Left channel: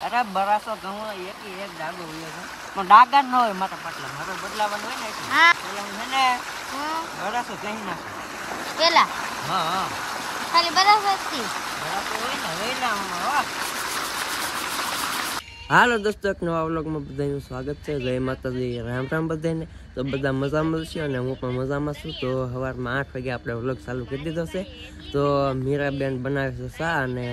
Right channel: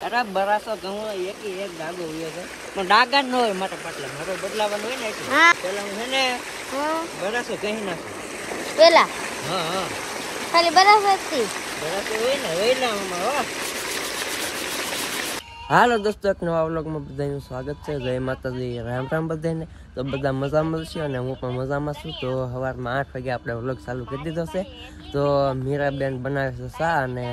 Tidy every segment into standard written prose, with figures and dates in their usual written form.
અરે બરાસો તો હું એક ડાગો હોય છે પણ ડાગા ન હોય મારા પાટલા મારો બદલાવાનું હોય ને એટલે પેલા હું છે ને બરાસો કહી નાખું પેલા હા ખાલી બરાસો હોય ને આમાં હાલો દોસ્તો, એક નવા વ્લોગમાં બધાનું સ્વાગત છે. જય માતાજી, રામ રામ બધાને. તો બધા મજામાં છે અને હું પણ મજામાં છું. તો સવારમાં 8 વાગે આપણે વ્લોગ ચાલુ કરી દીધો છે. તો મીરાબેન બનાવે છે ચા અને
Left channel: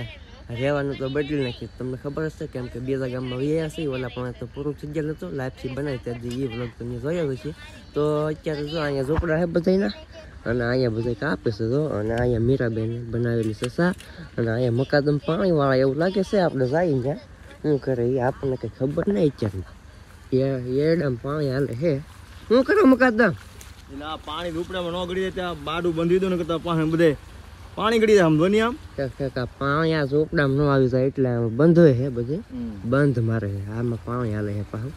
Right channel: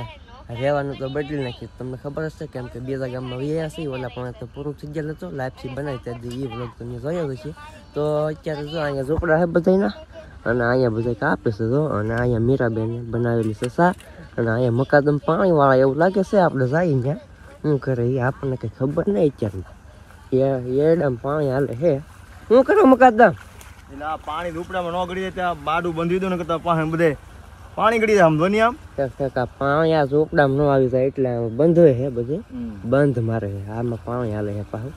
રહેવાનું તો બદલી નાખ્યું. તમને ખબર હશે કેમ કે બીજા ગામમાં વૈયા છે. ઓલા પણ તો પૂરું થઈ ગયેલું હતું. લાઈફથી બનાવી ત્યાંથી એ વ્લોગ તમે જોયો હશે. તો અત્યારે જો અહીંયા ઝોપડા છે બધાના અને અહીંયા બધા કાપે છે જો. અને અહીંયા મીરાબેન બનાવેલી છે ચા અને અહીંયા મકાદમ પાણીવાળા એવું લાગે છે. આપણે જઈએ ત્યાં શું કરે એ આપણને કઈ ખબર નહીં. અત્યારે એડમ પાણી હાલે હે. શું કરો મકાદમ? એટલે આ પાણી ઝૂંપડામાં ન ગળી જાય ત્યાં બાડું બંધી દઉં ને કરતા પાસે બધે પાણી ગળી જાય. આમ ધોની આમ પાણી આ ઝૂંપડામાં ન આવી જાય એટલે બંધ હોય હે બધે બંધ મારે છે. આમાં પાણી હાલે હે પાછું.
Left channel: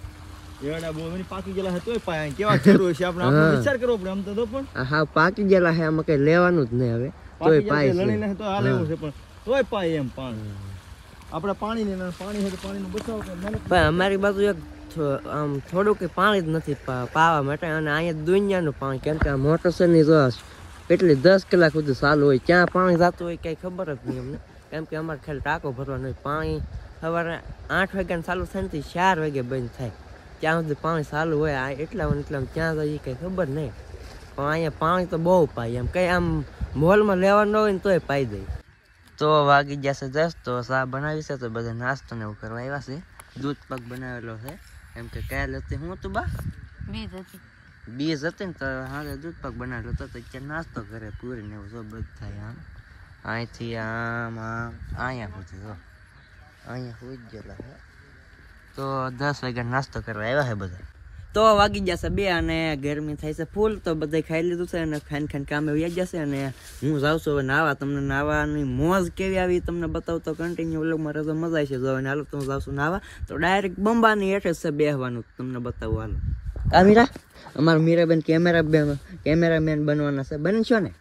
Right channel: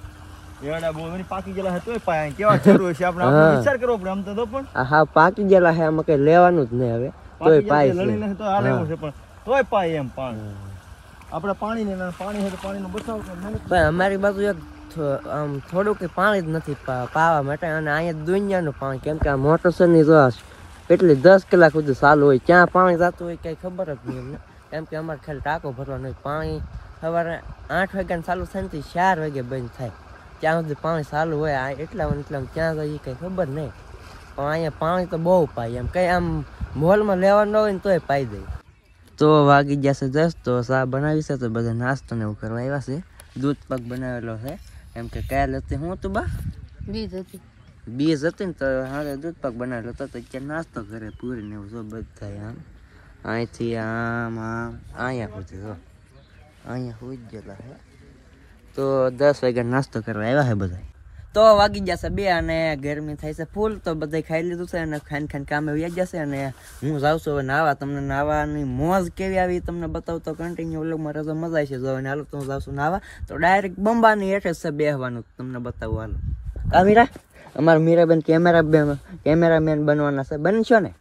એડા બહુ પાકી ગયેલા છે તોય પાયા કેવા જરૂર છે આપણે વિચાર કરવો પડે. આમ તો પણ હા પાકી ગયેલા છે. આમાં કઈ લેવાનું જ નહીં હવે. તોય પાય છે તો હાલે એવું છે પણ તોય પાય એમ પાણી. આપણે પાણી ને પાણી છે તો પાણીનો બચાવ પણ અમારી બાજુ એક આમ થોડું કે પાણી જ નથી પાવા માટે. અને અહીંયા દુનિયાનું પાણી કેમ કે આ મોટર છે ની જોશ એટલે 10 કલાક સુધી ચાલુ હોય. ક્યાં પાણી જતું હોય કઈ ખબર જ નહીં અમને. કેમ કે અમારે ખાલી ટાંકો ભરવાનો હોય. પાણી સવારે 8 વાગ્યાને ચાલુ થાય ને 4 વાગે બંધ થાય. ત્યાં સુધી પાણી ચાલુ હોય. એટલા ક્યાં જાય કઈ ખબર નહીં. પણ અહીંયા પાણી તો બહુ પાય એમ કઈ આમ મોલમાં લેવાનું હોય ને તોય પાઈ જાય. તો વાગી જશે 10. તો ચા બનાવી છે તો બધા નાસ્તો ને એવું કરવા આવ્યા છે. દૂધ પાક બનાવેલો છે એમ કે કાલ હતી હું તો બા બીજ હતી ને તો હારે દૂધ પાક બનાવેલો હતો. તો અત્યારે નાસ્તો કરે પૂરી ને એવું જો બધા આમ અહીંથી આમ અહીંયા સુધી જો અહીંયા સુધી ગયેલા છે. તો 10 વાગ્યા નાસ્તો કરવા આવ્યા છે બધા. તો વાગી જશે 2 અને ગરમી થાય છે ફૂલ. તો બધા ખાઈ લીધું છે અને ખાઈને કામે વ્યા જશે. અને હું જાઉં છું હવે નાવા. તમને નાવાની મોજ કેવી આવી તમને બતાવતો કન્ટિન્યુ વ્લોગમાં રહેજો. મજા આવી છે જો. હાલો તો હું જાઉં છું નાવા. તો ડાયરેક્ટ બંબાની હેઠે છે બેહવાનું. તમને બતાવું હાલો. આ મીરા અમારા મીરાબેન કેમેરામેન બનવાના છે. બનશો ને?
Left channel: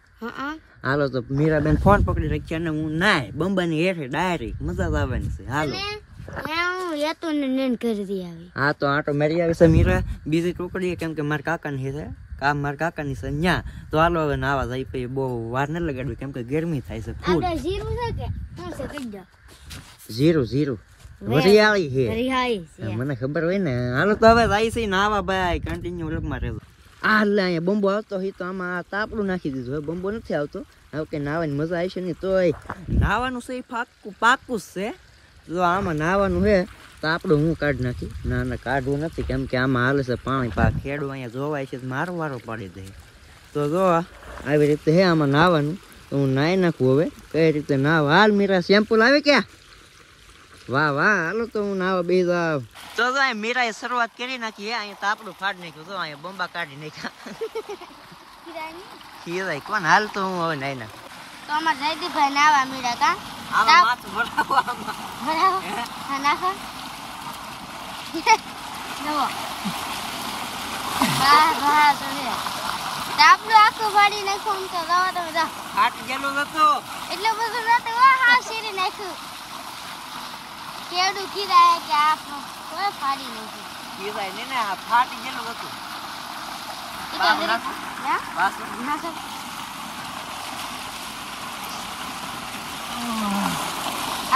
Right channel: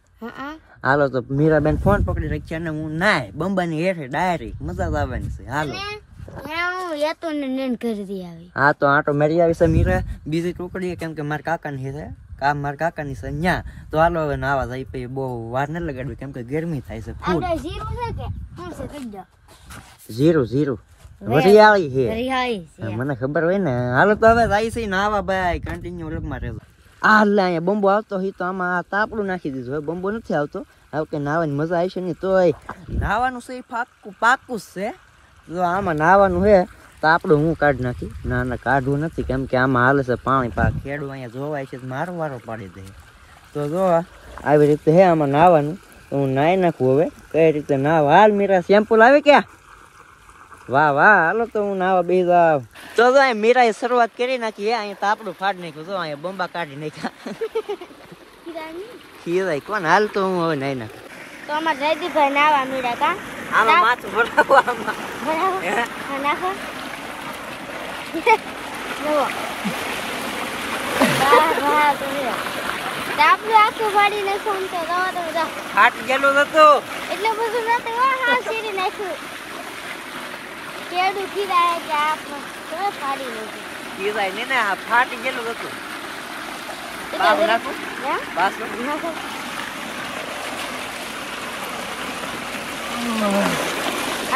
હાલો તો મીરાબેન ફોન પકડી રાખી અને હું નાય બંબાની હેઠે ડાયરેક્ટ મજા જ આવવાની છે. હાલો હા તો આટો મેરી આવી છે મીરા બીજી ટુકડી કેમ કે મારા કાકાની છે. મારા કાકાની છે ન્યા. તો હાલો હવે નાવા જાય પછી બહુ વાર ન લગાડવી કેમ કે ગરમી થાય છે ફૂલ. જીરું વરિયાળી છે મને ખબર હોય ને. હાલો તો હવે જાય છે નાવા ભાઈ. કન્ટિન્યુ વ્લોગમાં રહેજો. એટલે અહીંયા બંબો આવતો હોય તો આમાં તાપડું નાખી દીધું. હવે બંબો નથી આવતો. હવે કે નાવાની મજા આવી છે નહીં. તો નાવાનું છે પાકું છે. જો આમાં નાવાનું છે તો આપણું હું કાઢી નાખી. ના કાઢવું નથી કેમ કે આમાં હાલે છે પાણી. ખેડૂ અહીંયા જોવાય છે મારો વારો પાડી દે. તો જો આવી રીતે હે આમાં નાવાનું. તો હું નાહી નાખું હવે કઈ રીતે નાવા. હાલ મીરા સેમ્પલ આવે ક્યાં? વાહ હાલો તો હું નાવા બે જાવ. તો જો મીરાએ શરૂઆત કરી નાખી. અહીંયા તાપડું ફાડી નાખ્યું. જો અહીંયા બંબા કાઢી નાખ્યા. ખીરાય કોણ. હાલ તો હું હવે નાહી નાખું. તો અમાર જયદીપભાઈ નાવા મીડા કા આમાં માથું ભરાવો આમાં નાખો નવો વાહ તો રે તાપલું આખું ફાડી નાખો. આમ તો દવા તો જા ફાટી ગયેલું હતું એટલે બધું નતું. હા શેરી નાખ્યું. કેડું કીધા કે આપ તો ફાડી નાખ્યું. કીધાય ને આ ફાટી ગયેલું હતું. બાબુ નાખો બસ નાખો.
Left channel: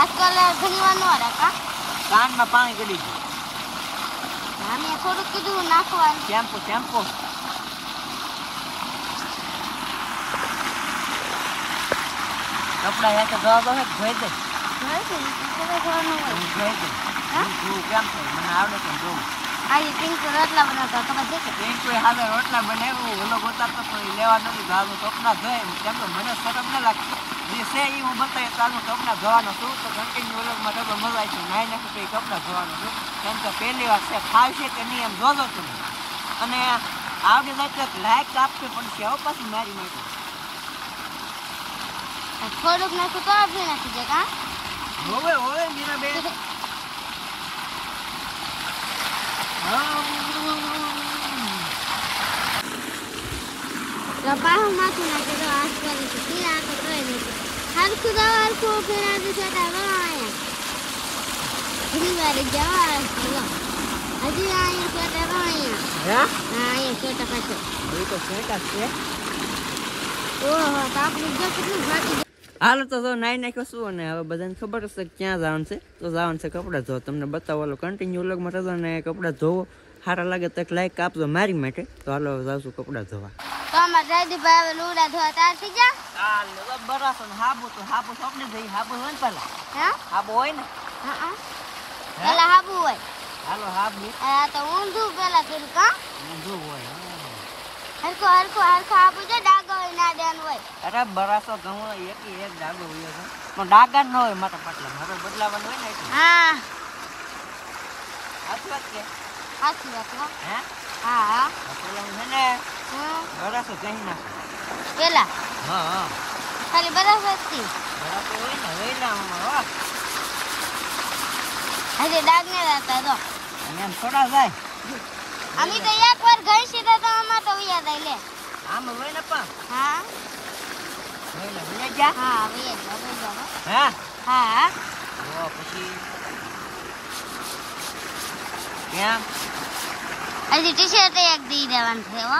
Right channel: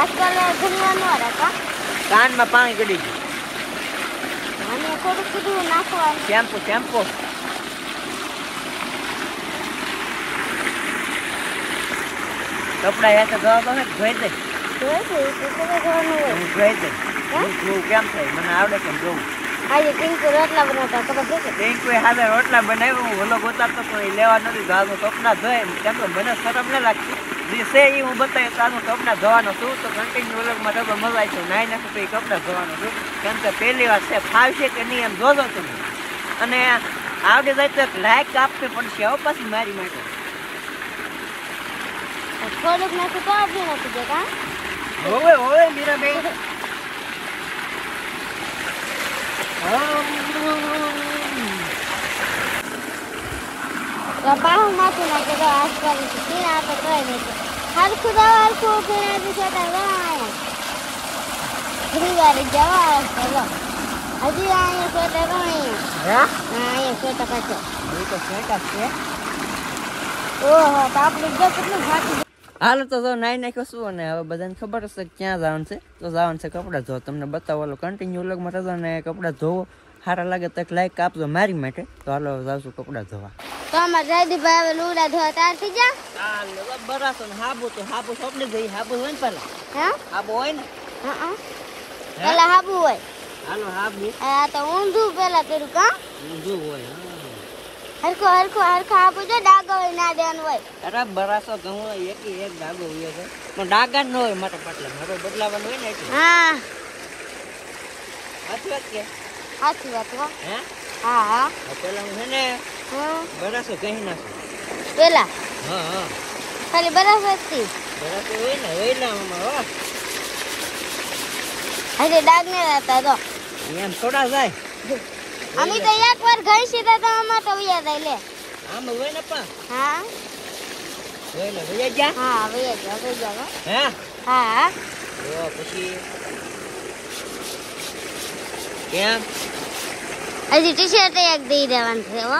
આજકાલ ઘણીવાનું હતા કાનમાં પાણી ગળી ગયું. અમે થોડુંક કીધું નાખવાનું. શેમ્પુ કપડા એક ધોવા તો ને ધોઈ દે. જોઈ દે તો જોવાનું હોય. હું ધોઈ દે. હું કેમ થાય મને આવડે કેમ જોઉં. આજે પિંકુ રોટલા બનાવતા ખબર છે કે પિંકુ હાથે રોટલા બનાવ્યું. હું ઓલો ગોતાતો તો એ લેવા નથી જવાનું. કપડા ધોય કેમ કે મને શરમ ન લાગતી. છે એ હું બતાવ્યું તારું કપડા ધોવાનો છું. તો કન્ટિન્યુ વ્લોગમાં તો મજા આવી છે. નાઈ નાખું તો એ કપડા ધોવાનો છું કેમ કે પહેલી વાર છે. ફાવશે કે નહીં એમ જોજો તમે. અને આવડે જાય તો લાઈક આપવી પડશે હો પાછી મારી માટે. થોડુંક નાખું તો આપી નાખી દે કા. હોવે મીરાબેન. પાહું માથું નાખે તો આજકાલ પીણા તો કઈ નહીં. હરખું પીણા છોટા બનાવ્યા. થોડી વાર જવા ચલો હજી અહીંયા છે તો અહીંયા હે હા અહીંયા છે તો પાછો એ તો સેટા છે ઓહો તો આપણે જો કેટલું થાકી હાલો તો જો નાઈ નાખ્યો શું અને હવે બધાને ખબર હશે કે ક્યાં જવાનું છે તો જવાનું છે કપડાં ધોવા તમને બતાવો હાલો કન્ટિન્યુ વ્લોગમાં રહેજો ને કપડાં ધોવો સારા લાગે તો એક લાઈક આપજો મારી માટે તો હાલો જાવશું કપડાં ધોવા તો અમારે જયદીપભાઈ હવે લુગડા ધોવા તૈયાર થઈ જા હાલો બરાબર હાબુ તો હાબુ સોપડી જઈ હાબુ હોય ને પેલા હે હાબુ હોય ને હા પેલા હાબુ હોય હાલો હાબુ આ તો ઊંધું પેલા કર્યું કા ઊંધું હોય હરખો હાબુ છે ડાગો હોય ના દેવાનું હોય અરે બરાસો ઘઉં એક ડાગો હોય છે પણ ડાગા ન હોય માટે પાટલા હવે બદલાવાનું હોય ને એટલે હા સાચી વાત કે સાચી વાત હો હે હા પેલા હું છે ને હા બરાસો કહી નાખું પેલા હા ખાલી બરાબર થી બરાસો હોય ને હો હજી ડાગ ને રહેતા તો એમ થોડા જાય અમે તો એક વાર ગઈ સીધા તો આમાં તો વૈયા જાય લે આમ હોય ને પણ હા હોય ને ભૈયા ગયા હા વૈયા જાઓ હે હા તો પછી કેમ હજી ટી શર્ટ એક દઈ દેવાનું છે હો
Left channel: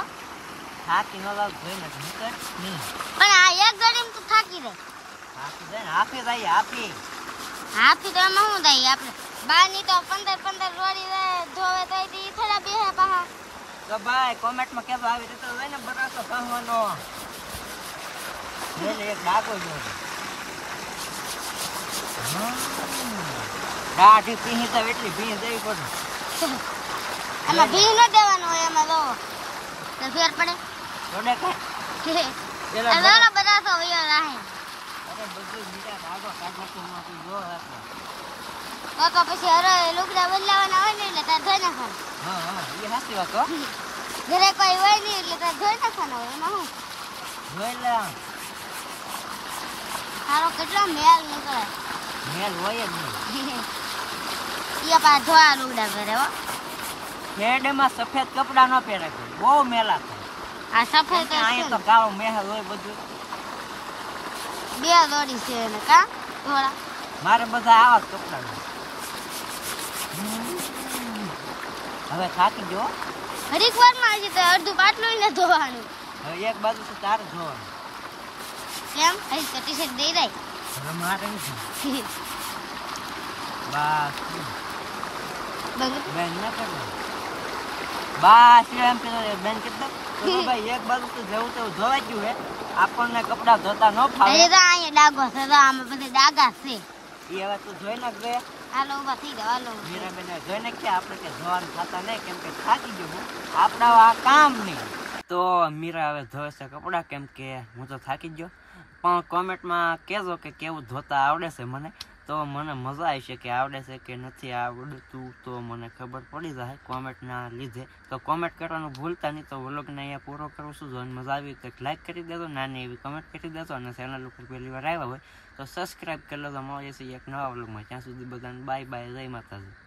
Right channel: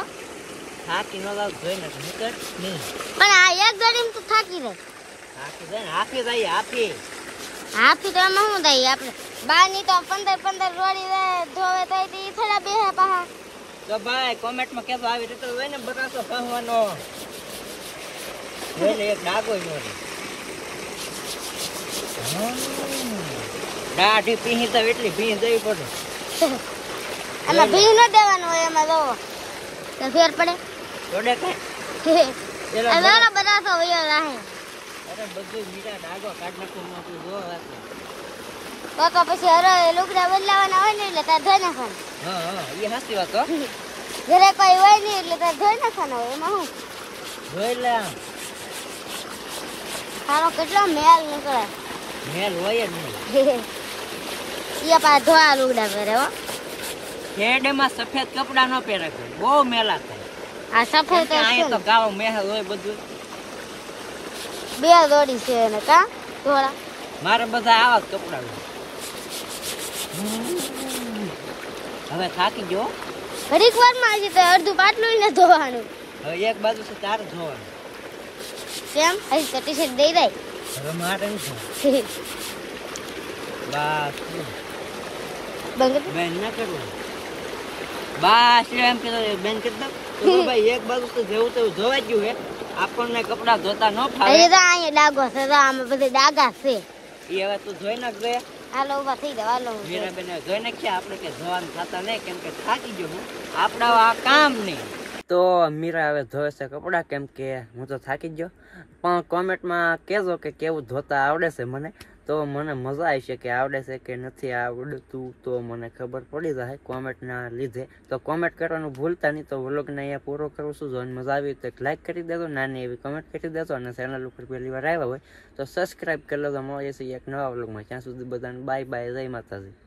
થાકી ન લાવ જોઈ ને નીકળ નહીં પણ આ એક ગાડીમાં તો થાકી રહે થાકી જાય ને આપી જાય આપી હાથી તો એમાં શું થાય આપણે બારની તો 15 રોડી ધોવે તો ઈ થોડા બેહે પાહા તો ભાઈ કોમેન્ટમાં કેતો આવી રીતે હોય ને બરાસો કહવાનો એટલે એક ડાગો નો રે દાઢી પીહી તો એટલી પીહી જવી પડે એમાં ભી ન દેવાનું હોય એમાં જો તો ફેર પડે થોડે કઈ અરે બધા તો વયો રાહે અરે બધું મીઠા ડાગો કાઢ નાખું માંથી જો તો પછી અરે લુગડા બદલાવાના હોય ને એટલે તાર ધોઈ નાખવાનું હા એ સાચી વાત હો ઘરે કોઈ હોય નહીં એટલે તાર ધોઈ નાખવાનું હોય એમાં શું જોઈ લે તારો કેટલો મેલ નીકળે મેલ હોય જ નહીં એ પા ધોવા લુગડા પહેરે હો શેડમાં સફેદ કપડા ન પહેરે બહુ મેલા થાય આ સફેદ તો અહીંયા તો કાળો મેહલ હોય બધું બે દોડી છે એને કા ધોળા મારે બધા આવા જ કપડા હોય હવે થાકી ગયો ઘડીક વાર માં છે તો અડધું પાટલું ને ધોવાનું હવે એક બાજુ છે તારે ધોવાનું કેમ હજી તો ટી શર્ટ દઈ દઈ હવે મારે નથી બસ બંધ બેન ના કરવું બસ એમ કીધું બેન કીધું ભાઈ એક બાજુ તો જેવું તેવું ધોવાઈ ગયું હે આપણને કપડા ધોતા ન ફાવે હજી તો અહીંયા ડાગો છે તો આમાં બધી ડાગા છે એ હવે તું જોઈ નાખજે હાલો ઉભા થઈ જાવ હાલો મીરાબેન જોઈ નાખ્યા આપણે કે ધોવાનું થતા નહીં કેમ કે થાકી ગયો હું આપણા આ કામ નહીં તો મીરા હવે ધોવે છે કપડા કેમ કે હું તો થાકી ગયો પણ કોમેન્ટમાં કહેજો કે કેવું ધોતા આવડે છે મને તો મને મજા આવી છે કે આવડે છે કે નથી આવડતું તો મને ખબર પડી જાય કોમેન્ટના લીધે તો કોમેન્ટ કરવાનું ભૂલતા નહીં તો વ્લોગને અહીંયા પૂરો કરું છું જો મજા આવી તો એક લાઈક કરી દેજો નાની એવી કમેન્ટ કરી દેજો અને ચેનલ ઉપર પહેલી વાર આવ્યા હોય તો સબસ્ક્રાઈબ કરી લેજો મળીએ છીએ એક નવા વ્લોગમાં ત્યાં સુધી બધાને બાય બાય જય માતાજી